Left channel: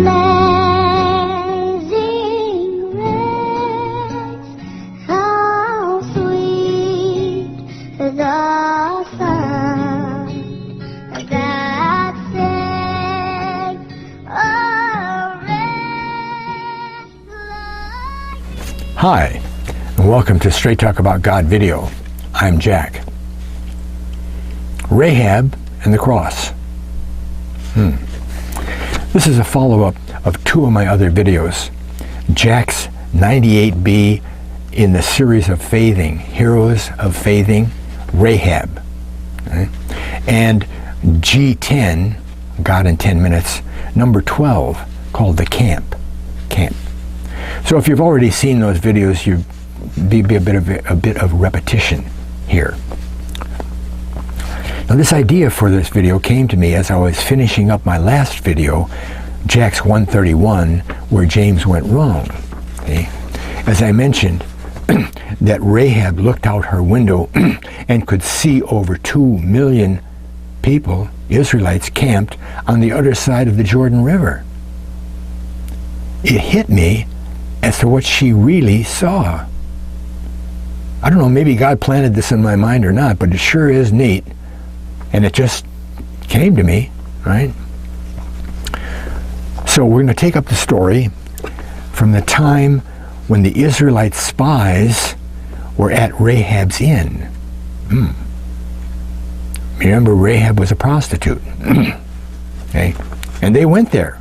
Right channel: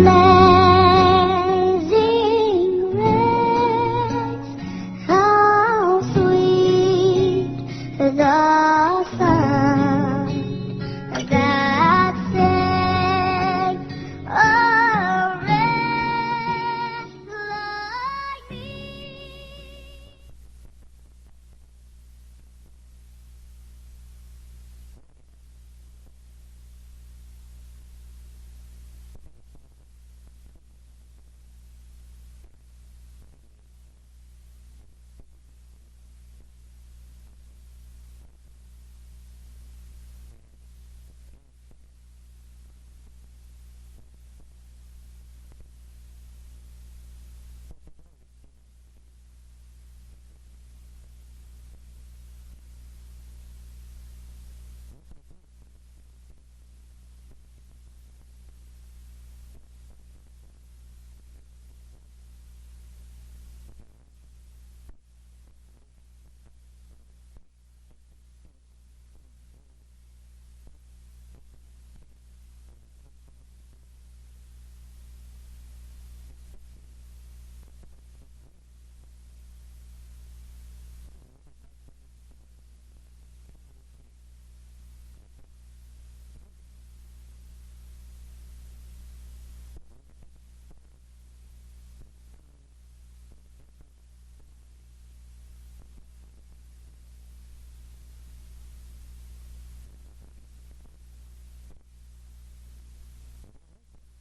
Amazing grace, how sweet the sound that saved a wretch like me. Hi, and welcome to Straight Talk About God video. I'm Jack. Rahab and the cross. This is a follow-up of two of my other videos. JAX132B in the series of faithing, Heroes of Faithing, Rahab. Okay? And G10, God in 10 Minutes, number 12, called The Camp. So if you've already seen those videos, you'd be a bit of repetition here. Now this idea for this video came to me as I was finishing up my last video, JAX131, where James went wrong. Okay? As I mentioned, that Rahab looked out her window and could see over 2 million people, Israelites, camped on the other side of the Jordan River. It hit me as to what she really saw. I don't know, maybe God planted this in my mind or not, but it sure is neat. And it just came to me, right? So we're going to take up the story from the time when the Israelite spies were at Rahab's inn. Remember, Rahab was a prostitute. Okay? And they went there.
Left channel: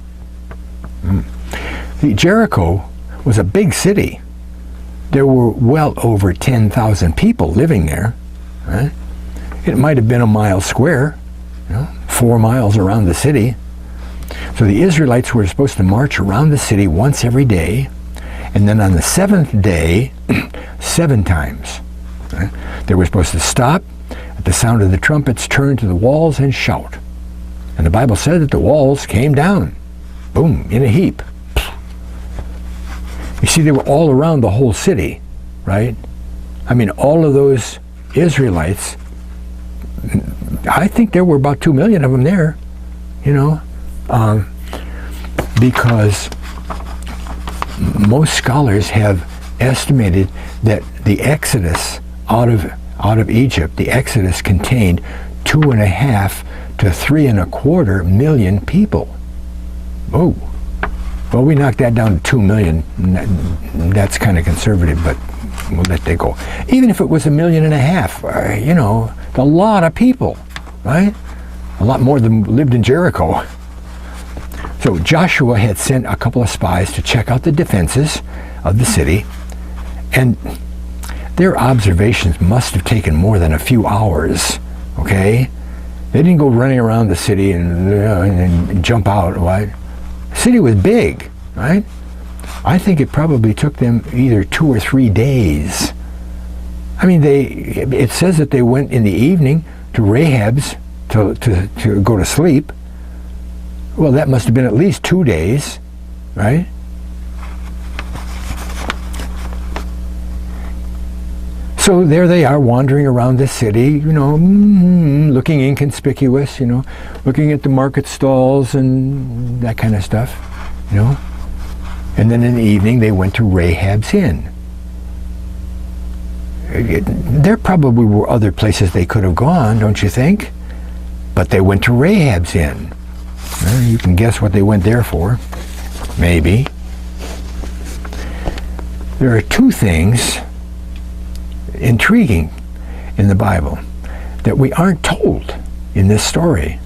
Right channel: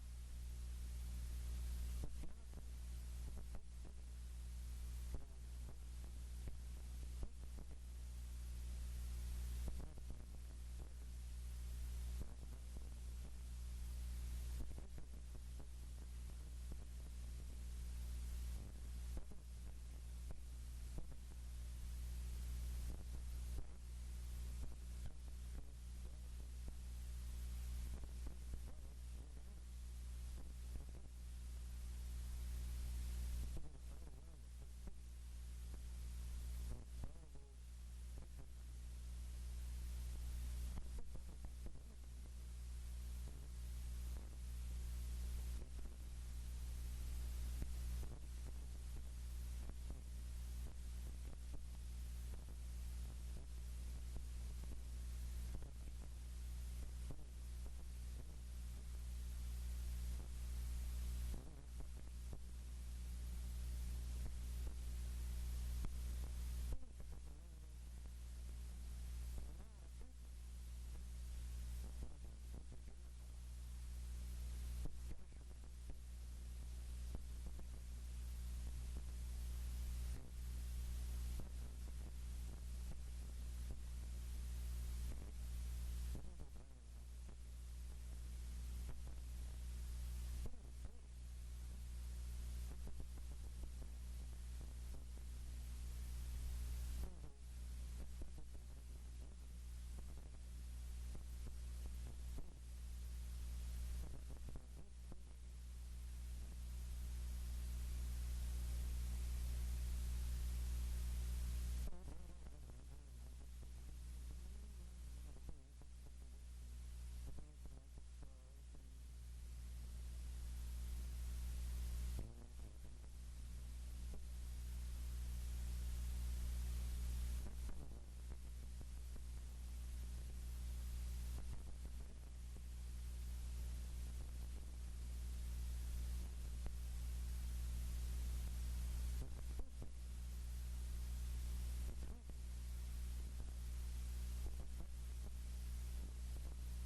See, Jericho was a big city. There were well over 10,000 people living there. Right? It might have been a mile square, 4 miles around the city. So the Israelites were supposed to march around the city once every day, and then on the 7th day, 7 times. Right? They were supposed to stop, at the sound of the trumpets, turn to the walls and shout. And the Bible said that the walls came down, boom, in a heap. You see, they were all around the whole city, right? I mean, all of those Israelites, I think there were about 2 million of them there, because most scholars have estimated that the Exodus out of Egypt, the Exodus contained 2.5 to 3.25 million people. Oh. Well, we knocked that down to 2 million. That's kind of conservative, but we'll let that go. Even if it was 1.5 million, a lot of people, right? A lot more than lived in Jericho. So Joshua had sent a couple of spies to check out the defenses of the city, and their observations must have taken more than a few hours, okay? They didn't go running around the city and jump out, right? The city was big, right? I think it probably took them either 2 or 3 days. I mean, it says that they went in the evening to Rahab's to go to sleep. Well, that must have been at least 2 days, right? So there they are wandering around the city, looking inconspicuous, looking at the market stalls and that kind of stuff, And then in the evening they went to Rahab's inn. There probably were other places they could have gone, don't you think? But they went to Rahab's inn. Well, you can guess what they went there for. Maybe. There are 2 things intriguing in the Bible that we aren't told in this story.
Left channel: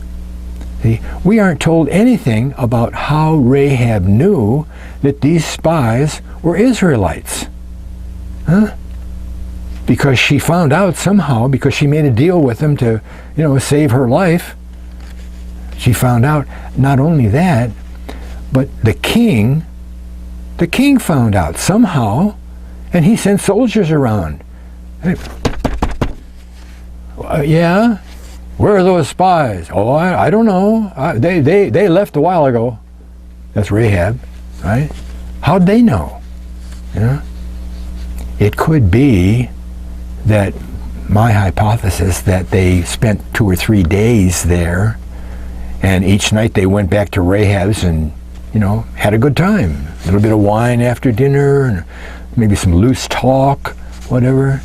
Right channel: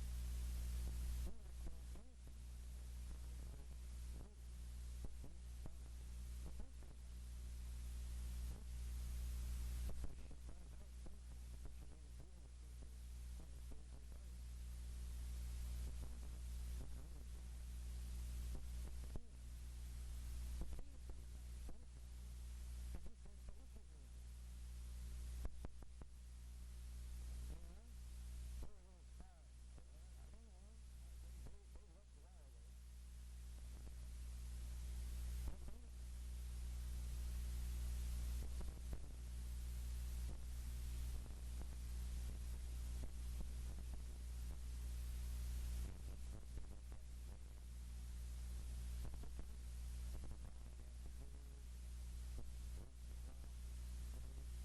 See, we aren't told anything about how Rahab knew that these spies were Israelites. Because she found out somehow, because she made a deal with them to, save her life. She found out. Not only that, but the king found out somehow, and he sent soldiers around. Hey, yeah? Where are those spies? Oh, I don't know. They left a while ago. That's Rahab, right? How'd they know? It could be that my hypothesis that they spent 2 or 3 days there, and each night they went back to Rahab's and had a good time. A little bit of wine after dinner, and maybe some loose talk, whatever.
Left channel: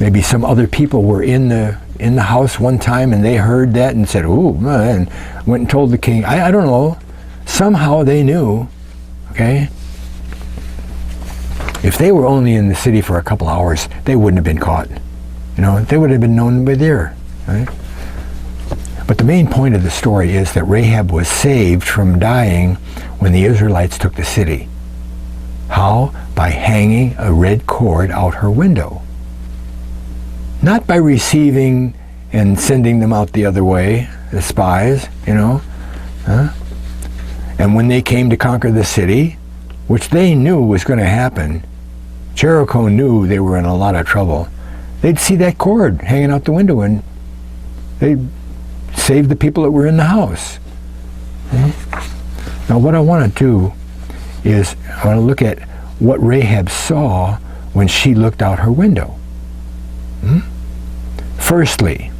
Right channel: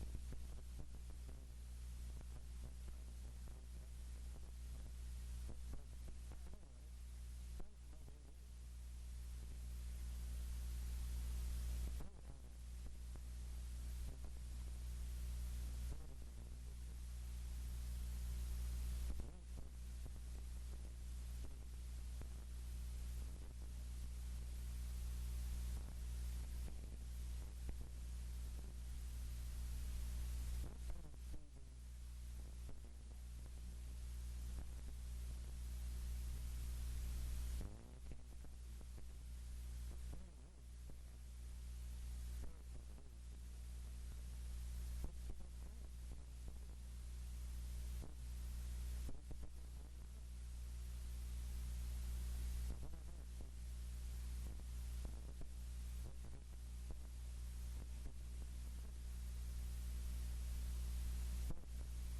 Maybe some other people were in the house one time and they heard that and said, "Ooh," and went and told the king. I don't know. Somehow they knew, okay? If they were only in the city for a couple hours, they wouldn't have been caught. They would have been known by there, right? But the main point of the story is that Rahab was saved from dying when the Israelites took the city. How? By hanging a red cord out her window. Not by receiving and sending them out the other way, the spies, Huh? And when they came to conquer the city, which they knew was going to happen, Jericho knew they were in a lot of trouble. They'd see that cord hanging out the window and they'd save the people that were in the house. Now what I want to do is I want to look at what Rahab saw when she looked out her window. Firstly,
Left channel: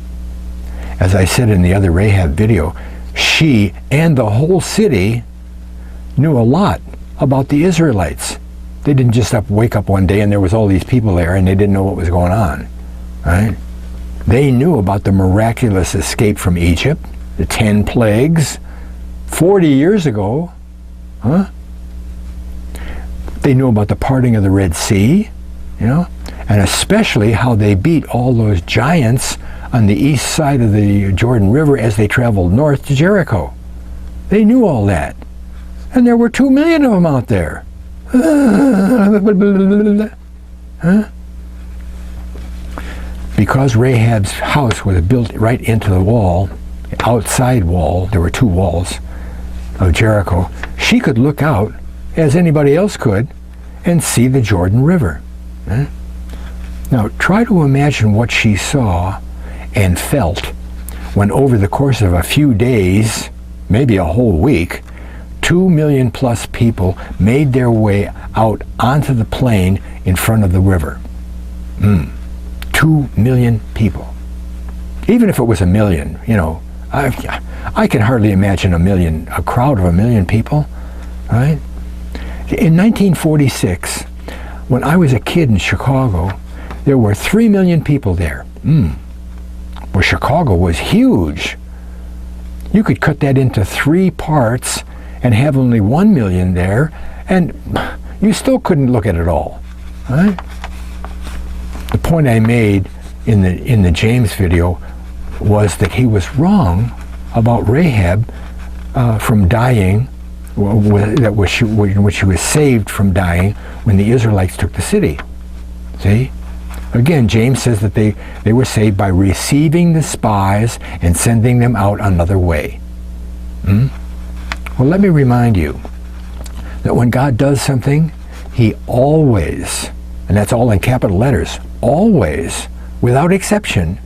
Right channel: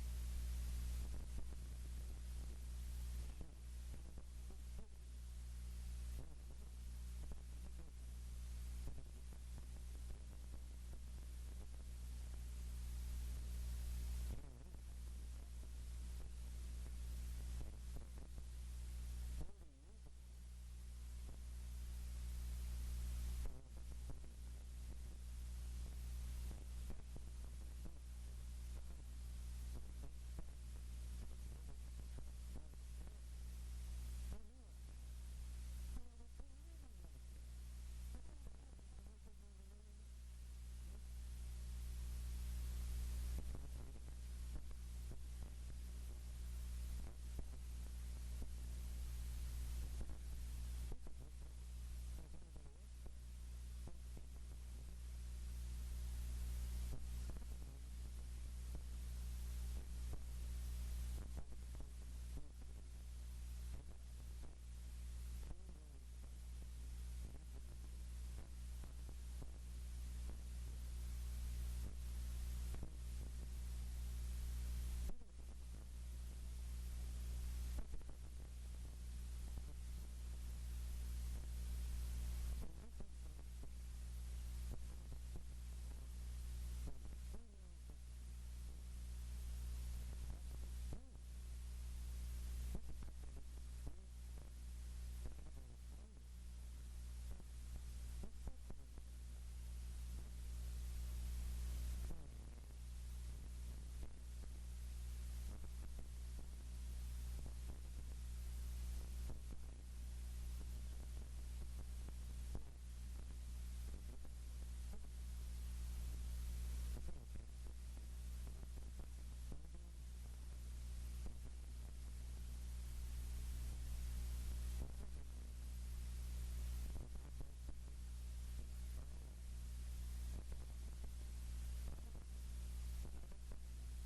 as I said in the other Rahab video, she and the whole city knew a lot about the Israelites. They didn't just wake up one day and there was all these people there and they didn't know what was going on, right? They knew about the miraculous escape from Egypt, the 10 plagues, 40 years ago, huh? They knew about the parting of the Red Sea, and especially how they beat all those giants on the east side of the Jordan River as they traveled north to Jericho. They knew all that. And there were 2 million of them out there. Huh? Because Rahab's house was built right into the wall, outside wall, there were 2 walls of Jericho, she could look out, as anybody else could, and see the Jordan River. Huh? Now, try to imagine what she saw and felt when over the course of a few days, maybe a whole week, 2 million plus people made their way out onto the plain in front of the river. 2 million people. Even if it was a million, I can hardly imagine a crowd of 1 million people, right? In 1946, when I was a kid in Chicago, there were 3 million people there. Well, Chicago was huge. You could cut that into 3 parts and have only 1 million there, and you still couldn't look at it all, right? The point I made in the James video was that he was wrong about Rahab from dying, in which she was saved from dying when the Israelites took the city. See? Again, James says that they were saved by receiving the spies and sending them out another way. Well, let me remind you that when God does something, he always, and that's all in capital letters, always, without exception,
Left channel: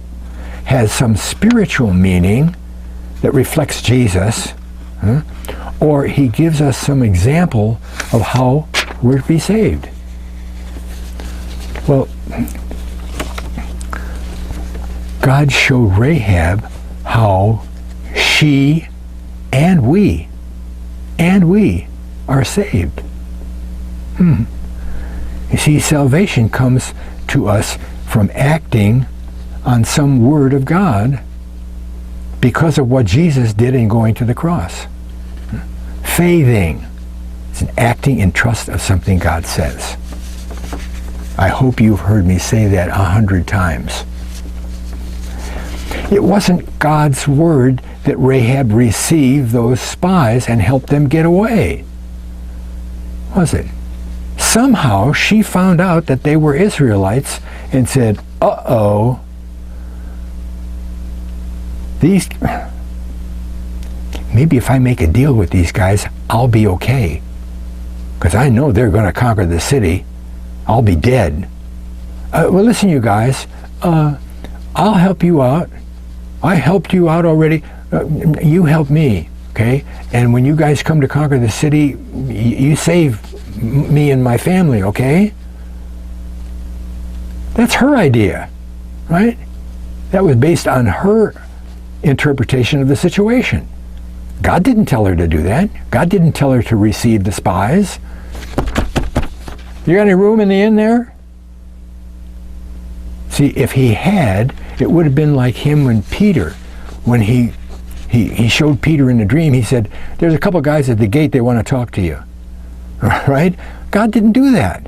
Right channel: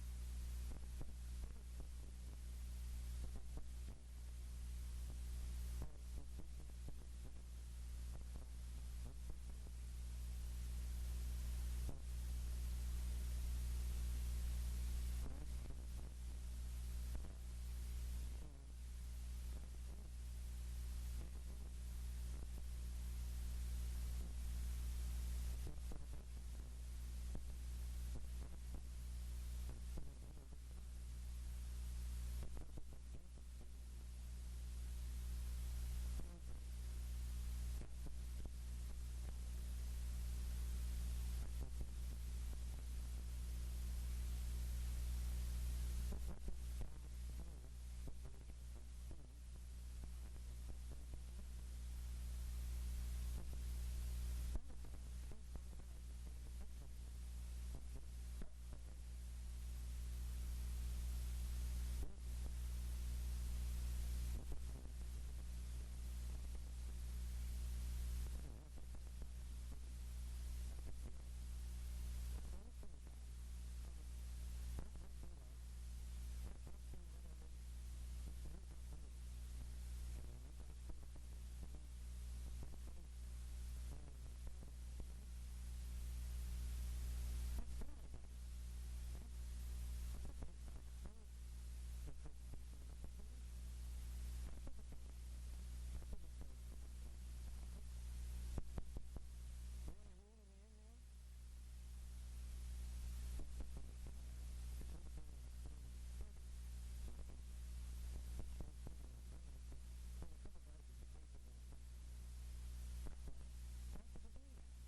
has some spiritual meaning that reflects Jesus, or he gives us some example of how we're to be saved. Well, God showed Rahab how she and we are saved. You see, salvation comes to us from acting on some word of God because of what Jesus did in going to the cross. Faithing is an acting in trust of something God says. I hope you've heard me say that 100 times. It wasn't God's word that Rahab received those spies and helped them get away, was it? Somehow she found out that they were Israelites and said, uh-oh, maybe if I make a deal with these guys, I'll be okay. Because I know they're going to conquer the city. I'll be dead. Well, listen, you guys, I'll help you out. I helped you out already. You help me, okay? And when you guys come to conquer the city, you save me and my family, okay? That's her idea, right? That was based on her interpretation of the situation. God didn't tell her to do that. God didn't tell her to receive the spies. You got any room in the inn there? See, if he had, it would have been like him when Peter, when he showed Peter in a dream, he said, there's a couple guys at the gate, they want to talk to you. Right? God didn't do that.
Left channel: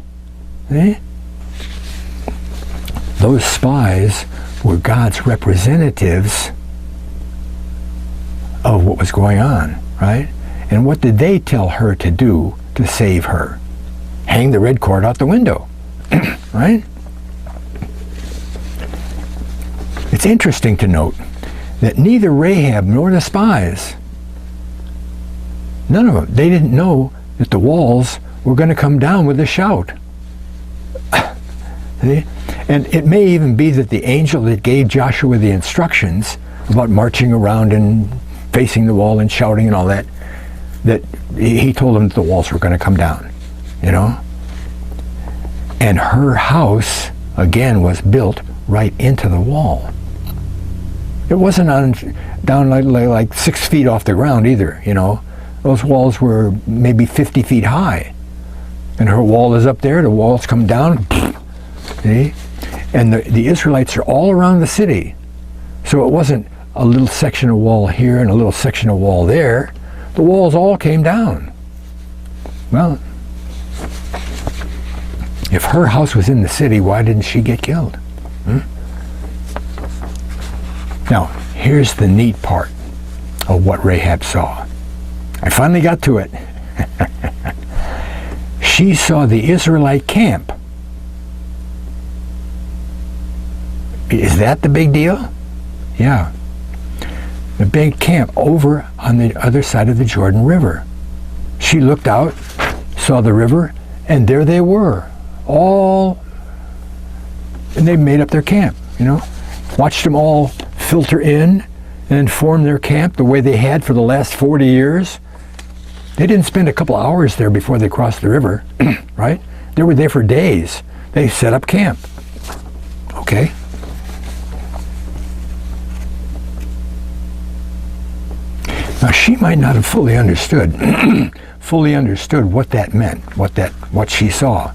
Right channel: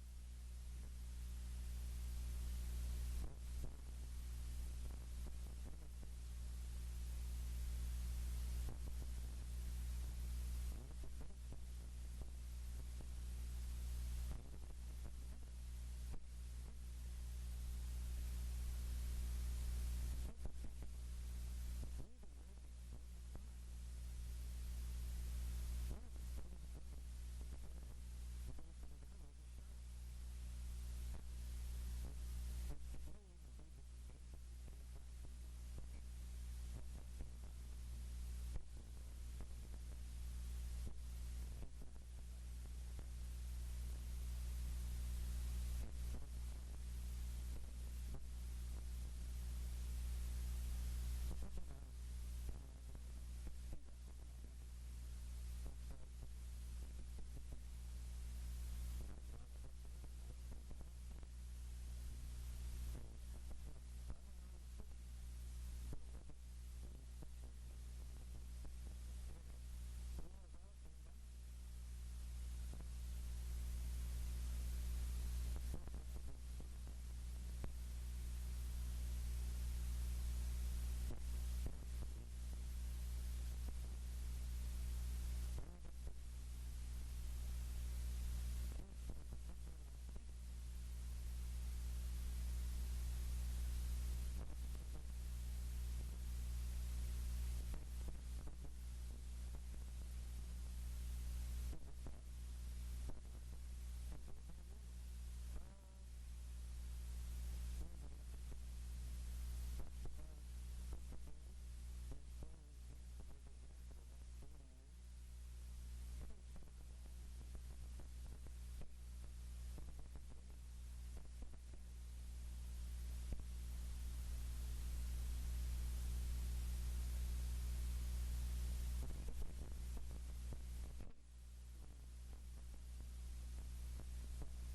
Eh? Those spies were God's representatives of what was going on, right? And what did they tell her to do to save her? Hang the red cord out the window, right? It's interesting to note that neither Rahab nor the spies, none of them, they didn't know that the walls were going to come down with a shout. See? And it may even be that the angel that gave Joshua the instructions about marching around and facing the wall and shouting and all that, that he told them that the walls were going to come down, you know? And her house, again, was built right into the wall. It wasn't down like 6 feet off the ground either, you know? Those walls were maybe 50 feet high. And her wall is up there, the walls come down, see? And the Israelites are all around the city. So it wasn't a little section of wall here and a little section of wall there. The walls all came down. Well, if her house was in the city, why didn't she get killed? Now, here's the neat part of what Rahab saw. I finally got to it. She saw the Israelite camp. Is that the big deal? Yeah. The big camp over on the other side of the Jordan River. She looked out, saw the river, and there they were. And they made up their camp, you know. Watched them all filter in and form their camp the way they had for the last 40 years. They didn't spend a couple hours there before they crossed the river, right? They were there for days. They set up camp. Okay. Now she might not have fully understood what that meant, what she saw.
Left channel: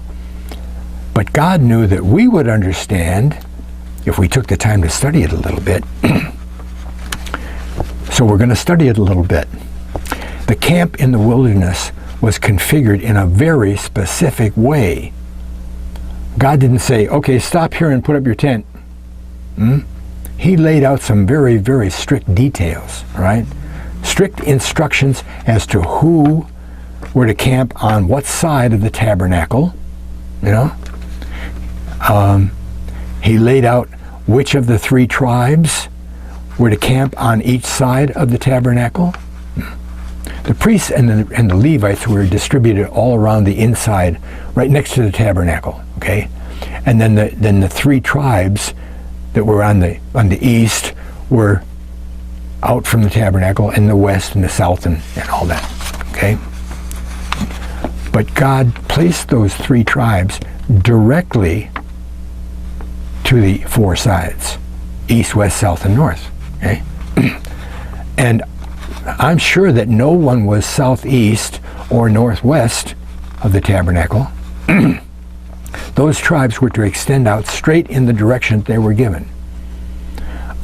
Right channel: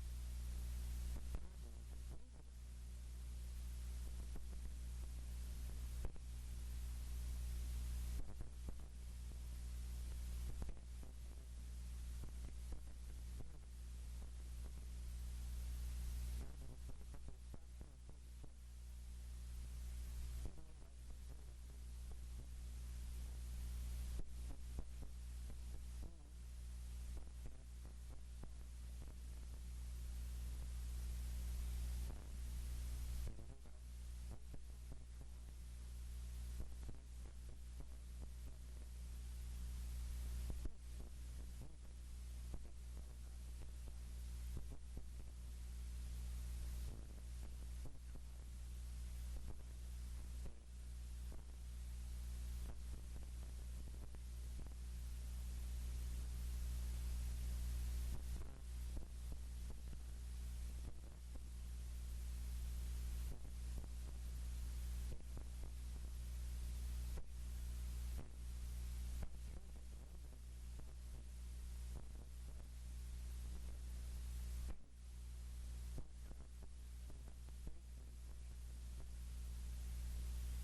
But God knew that we would understand if we took the time to study it a little bit. So we're going to study it a little bit. The camp in the wilderness was configured in a very specific way. God didn't say, okay, stop here and put up your tent. He laid out some very, very strict details, right? Strict instructions as to who were to camp on what side of the tabernacle, you know. He laid out which of the 3 tribes were to camp on each side of the tabernacle. The priests and the Levites were distributed all around the inside, right next to the tabernacle. Okay, and then the 3 tribes that were on the east were out from the tabernacle, and the west and the south and all that. Okay, but God placed those 3 tribes directly to the 4 sides: east, west, south, and north. Okay, and I'm sure that no one was southeast or northwest of the tabernacle. Those tribes were to extend out straight in the direction they were given.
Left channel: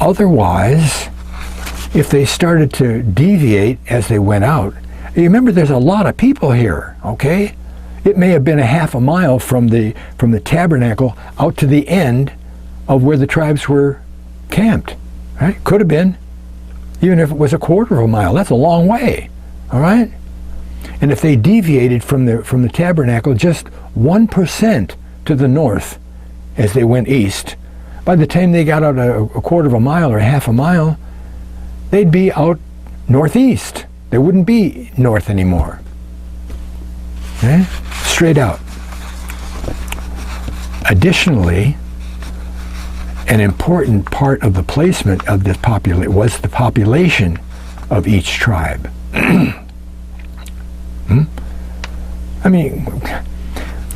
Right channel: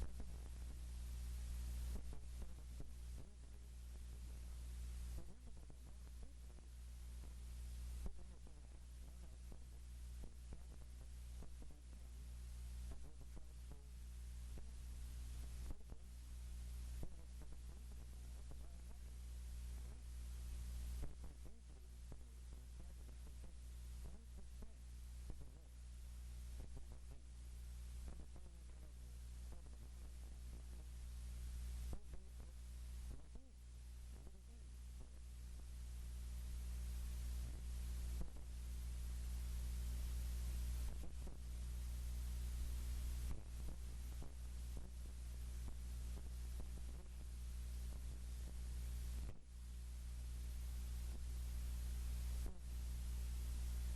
Otherwise, if they started to deviate as they went out, you remember there's a lot of people here, okay? It may have been a half a mile from the tabernacle out to the end of where the tribes were camped, right? Could have been. Even if it was a quarter of a mile, that's a long way, all right? And if they deviated from the tabernacle just 1% to the north as they went east, by the time they got out a quarter of a mile or half a mile, they'd be out northeast. They wouldn't be north anymore. Okay? Straight out. Additionally, an important part of the placement of this was the population of each tribe. I mean,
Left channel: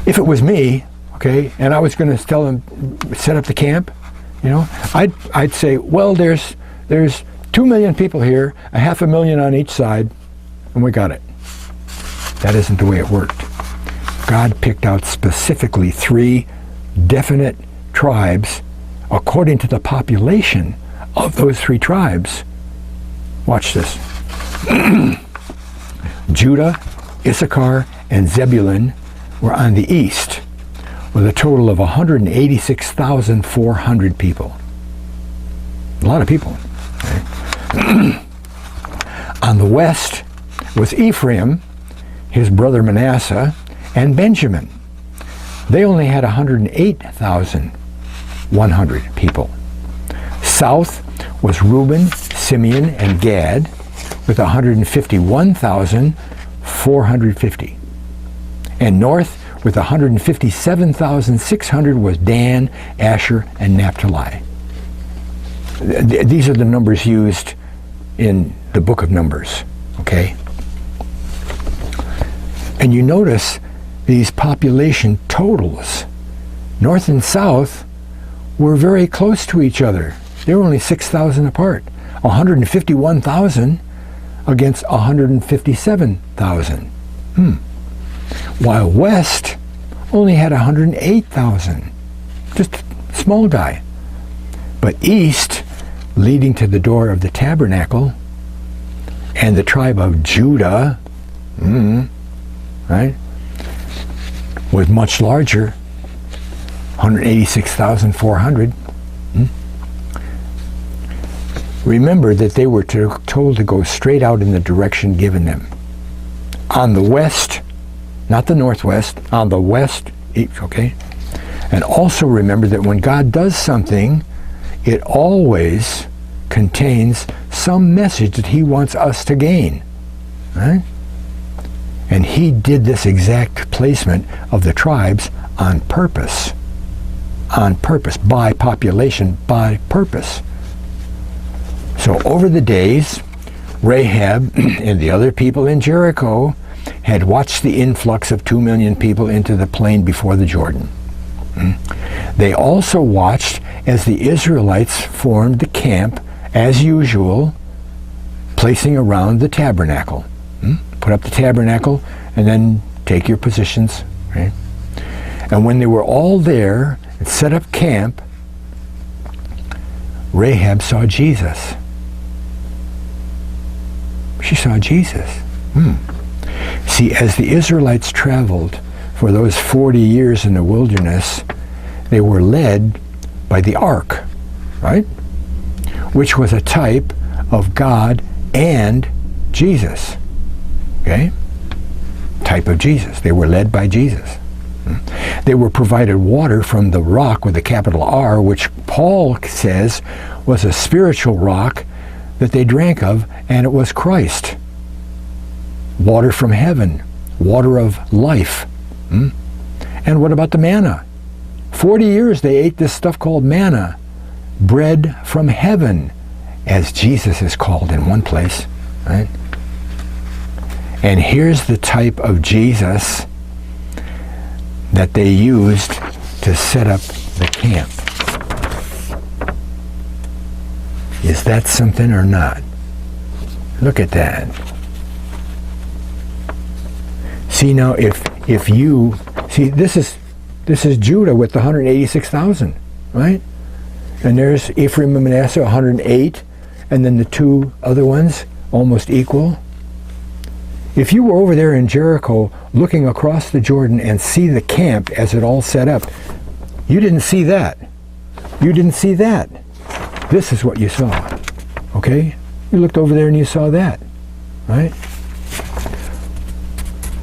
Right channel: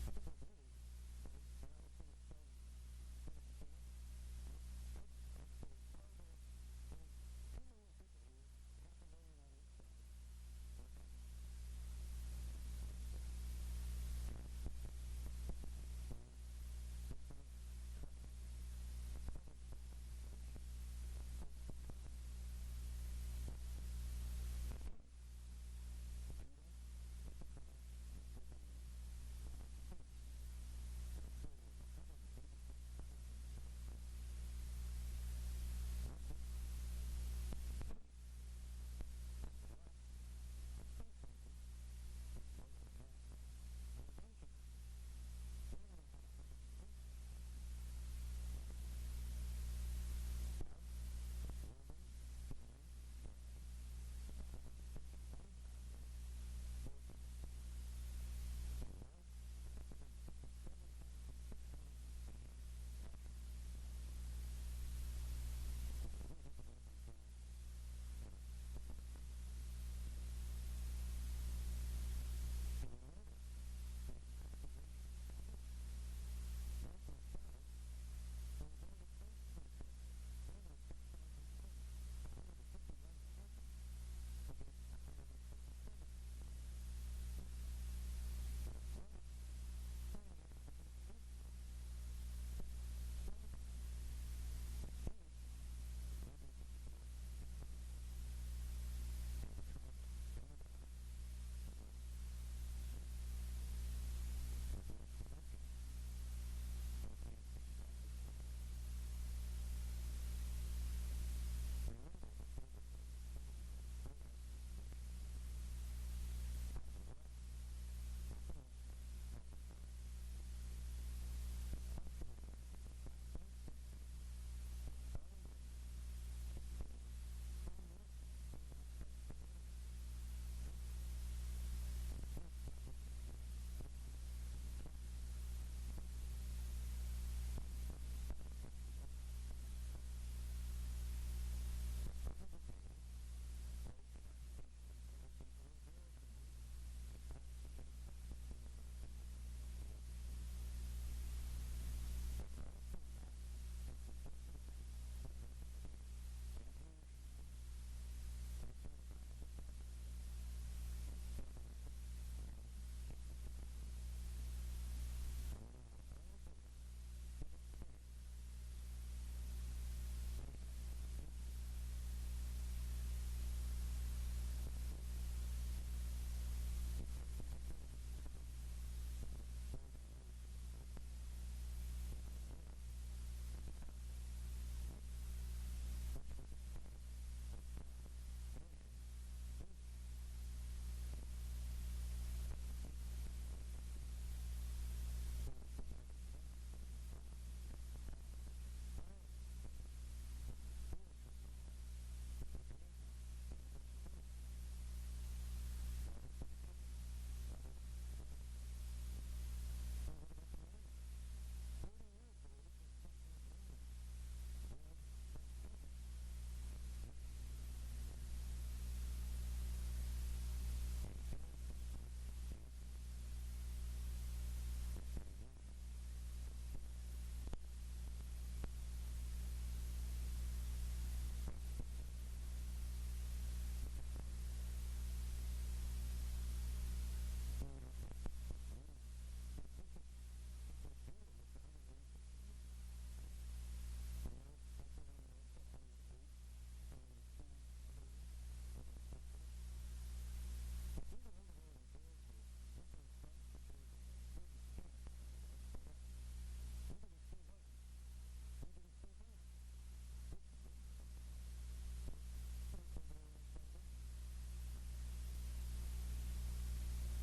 if it was me, okay, and I was going to tell them set up the camp, you know, I'd say, well, there's 2 million people here, 500,000 on each side, and we got it. That isn't the way it worked. God picked out specifically 3 definite tribes according to the population of those 3 tribes. Watch this. Judah, Issachar, and Zebulun were on the east with a total of 186,400 people. A lot of people. Okay? On the west was Ephraim, his brother Manasseh, and Benjamin. They only had 108,100 people. South was Reuben, Simeon, and Gad with 151,450. And north with 157,600 was Dan, Asher, and Naphtali. These are the numbers used in the book of Numbers, okay? And you notice these population totals, north and south, were very close to each other. They were only 6,000 apart. 151,000 against 157,000. While west only had 108,000. Just a small guy. But east, leading to the door of the tabernacle, and the tribe of Judah, right, was much larger, 186,400. Remember that they were told to go straight out in the direction given them. On the west, not the northwest, on the west, okay? And also remember that when God does something, it always contains some message that he wants us to gain, right? And he did this exact placement of the tribes on purpose, by population, by purpose. So over the days, Rahab and the other people in Jericho had watched the influx of 2 million people into the plain before the Jordan. They also watched as the Israelites formed the camp, as usual, placing around the tabernacle. Put up the tabernacle and then take your positions. Right? And when they were all there and set up camp, Rahab saw Jesus. She saw Jesus. See, as the Israelites traveled for those 40 years in the wilderness, they were led by the ark, right? Which was a type of God and Jesus. Okay? Type of Jesus. They were led by Jesus. They were provided water from the rock with a capital R, which Paul says was a spiritual rock that they drank of, and it was Christ. Water from heaven, water of life. And what about the manna? 40 years they ate this stuff called manna, bread from heaven, as Jesus is called in one place, right? And here's the type of Jesus that they used to set up the camp. Is that something or not? Look at that. See now, if you see, this is Judah with the 186,000, right? And there's Ephraim and Manasseh, 108, and then the 2 other ones almost equal. If you were over there in Jericho looking across the Jordan and see the camp as it all set up, you didn't see that. You didn't see that. This is what you saw, okay? You looked over there and you saw that, right?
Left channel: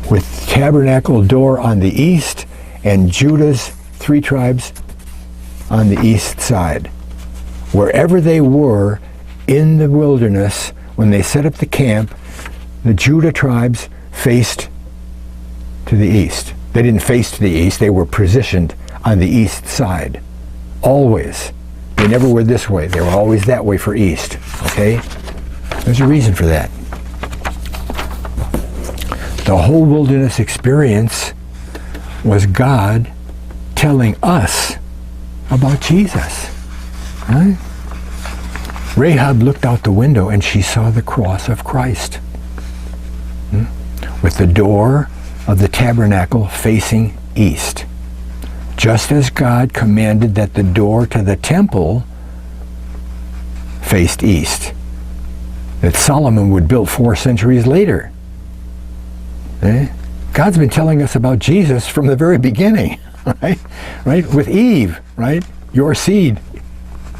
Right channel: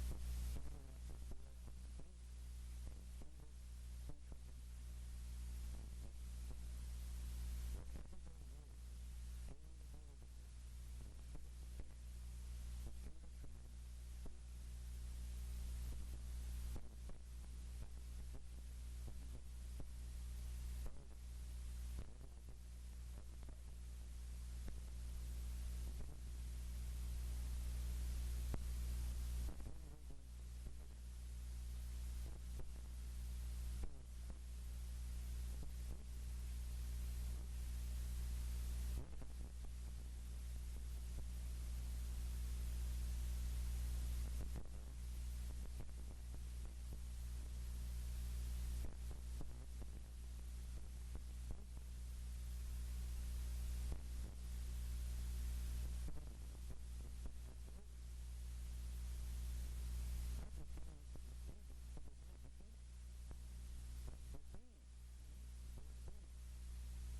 With tabernacle door on the east and Judah's 3 tribes on the east side. Wherever they were in the wilderness, when they set up the camp, the Judah tribes faced to the east. They didn't face to the east, they were positioned on the east side. Always. They never were this way. They were always that way for east. Okay? There's a reason for that. The whole wilderness experience was God telling us about Jesus. Right? Rahab looked out the window and she saw the cross of Christ, with the door of the tabernacle facing east, just as God commanded that the door to the temple faced east, that Solomon would build 4 centuries later. God's been telling us about Jesus from the very beginning, right? Right? With Eve, right? Your seed,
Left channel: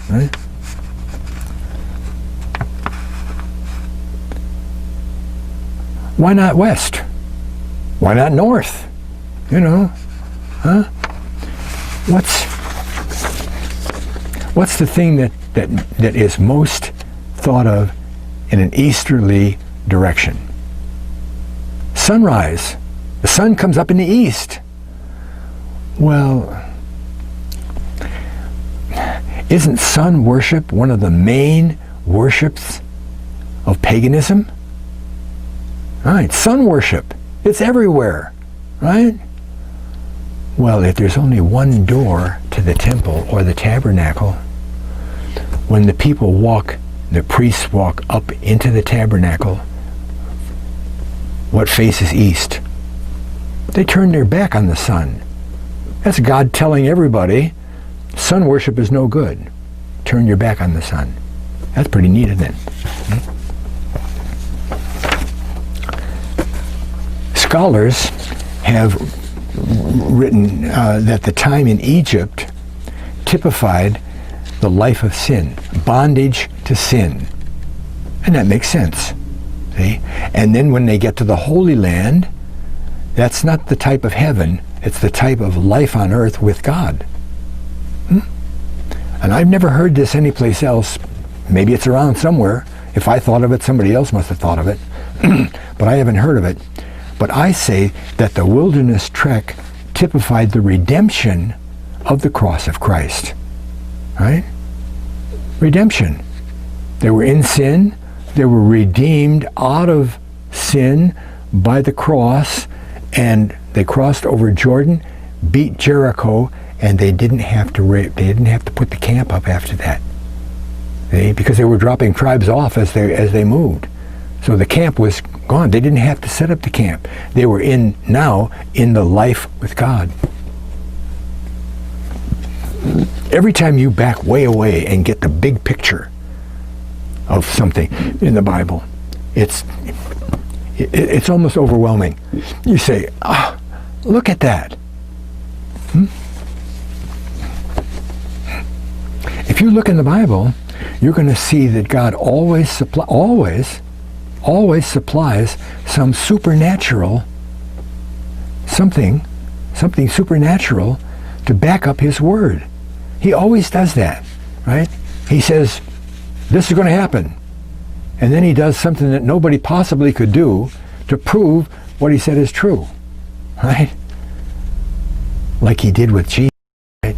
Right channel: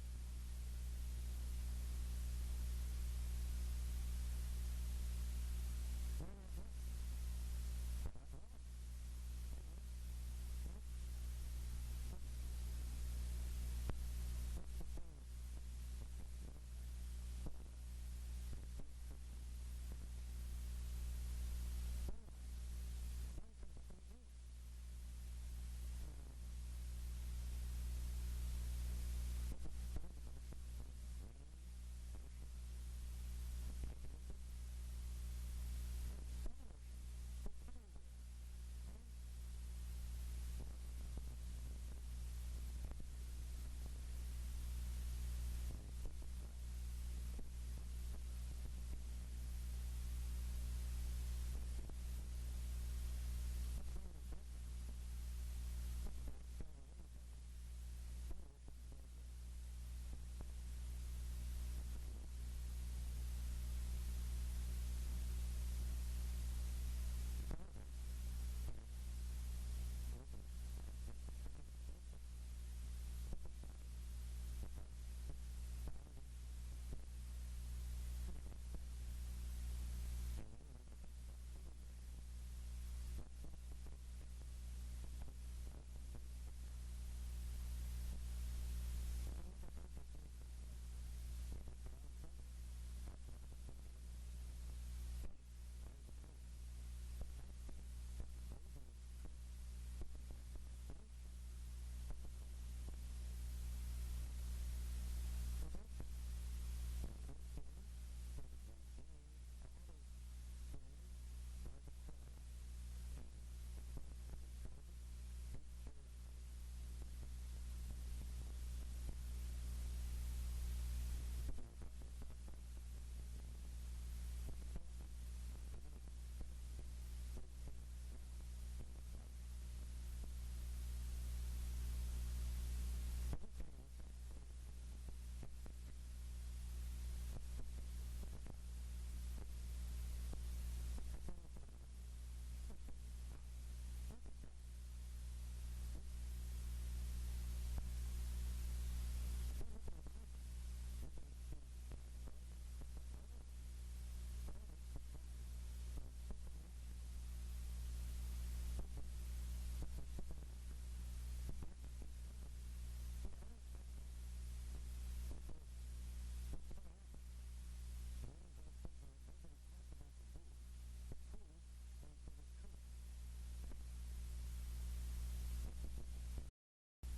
right? Why not west? Why not north? You know, huh? What's the thing that is most thought of in an easterly direction? Sunrise. The sun comes up in the east. Well, isn't sun worship one of the main worships of paganism? Right, sun worship. It's everywhere, right? Well, if there's only one door to the temple or the tabernacle, when the people walk, the priests walk up into the tabernacle, what faces east? They turn their back on the sun. That's God telling everybody, sun worship is no good. Turn your back on the sun. That's pretty neat, isn't it? Scholars have written that the time in Egypt typified the life of sin, bondage to sin. And that makes sense. See? And then when they get to the Holy Land, that's not the type of heaven, it's the type of life on earth with God. And I've never heard this anyplace else. Maybe it's around somewhere. If I thought of it, somebody else must have thought of it. But I haven't heard of it. But I say that the wilderness trek typified the redemption of the cross of Christ. Right? Redemption. They were in sin. They were redeemed out of sin by the cross, and they crossed over Jordan, beat Jericho, and they didn't have to put the camp up after that. Because they were dropping tribes off as they moved. So the camp was gone. They didn't have to set up the camp. They were now in the life with God. Every time you back way away and get the big picture of something in the Bible, it's almost overwhelming. You say, look at that. If you look in the Bible, you're going to see that God always supplies some supernatural, something supernatural to back up his word. He always does that, right? He says, this is going to happen. And then he does something that nobody possibly could do to prove what he said is true, right? Like he did with Jesus, right?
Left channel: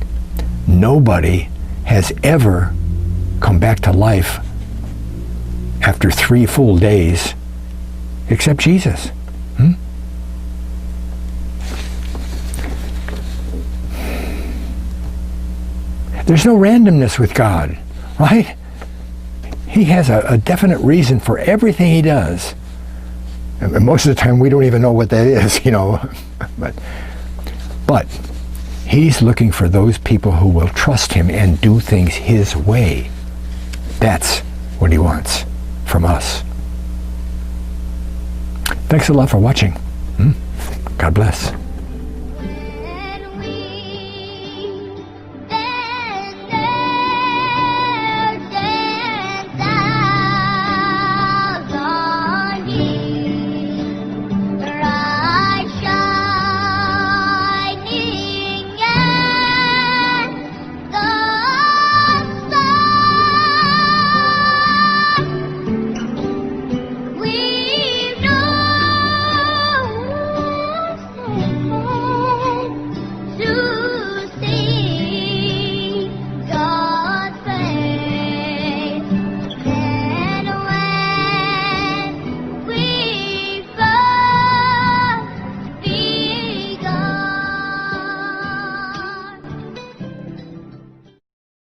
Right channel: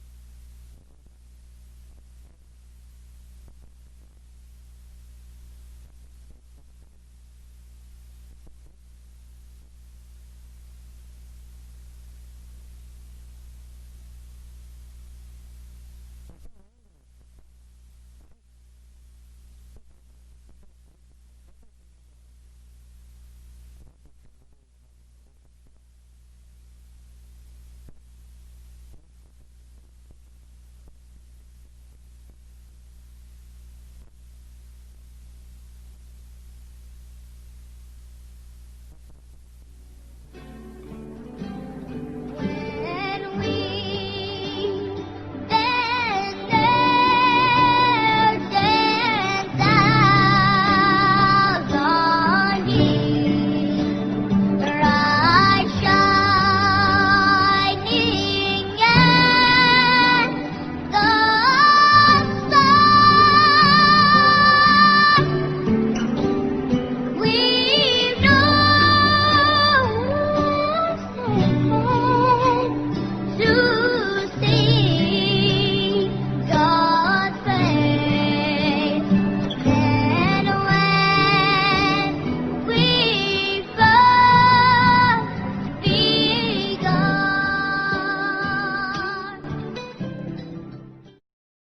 Nobody has ever come back to life after 3 full days except Jesus. There's no randomness with God, right? He has a definite reason for everything he does. And most of the time we don't even know what that is, you know. But he's looking for those people who will trust him and do things his way. That's what he wants from us. Thanks a lot for watching. God bless.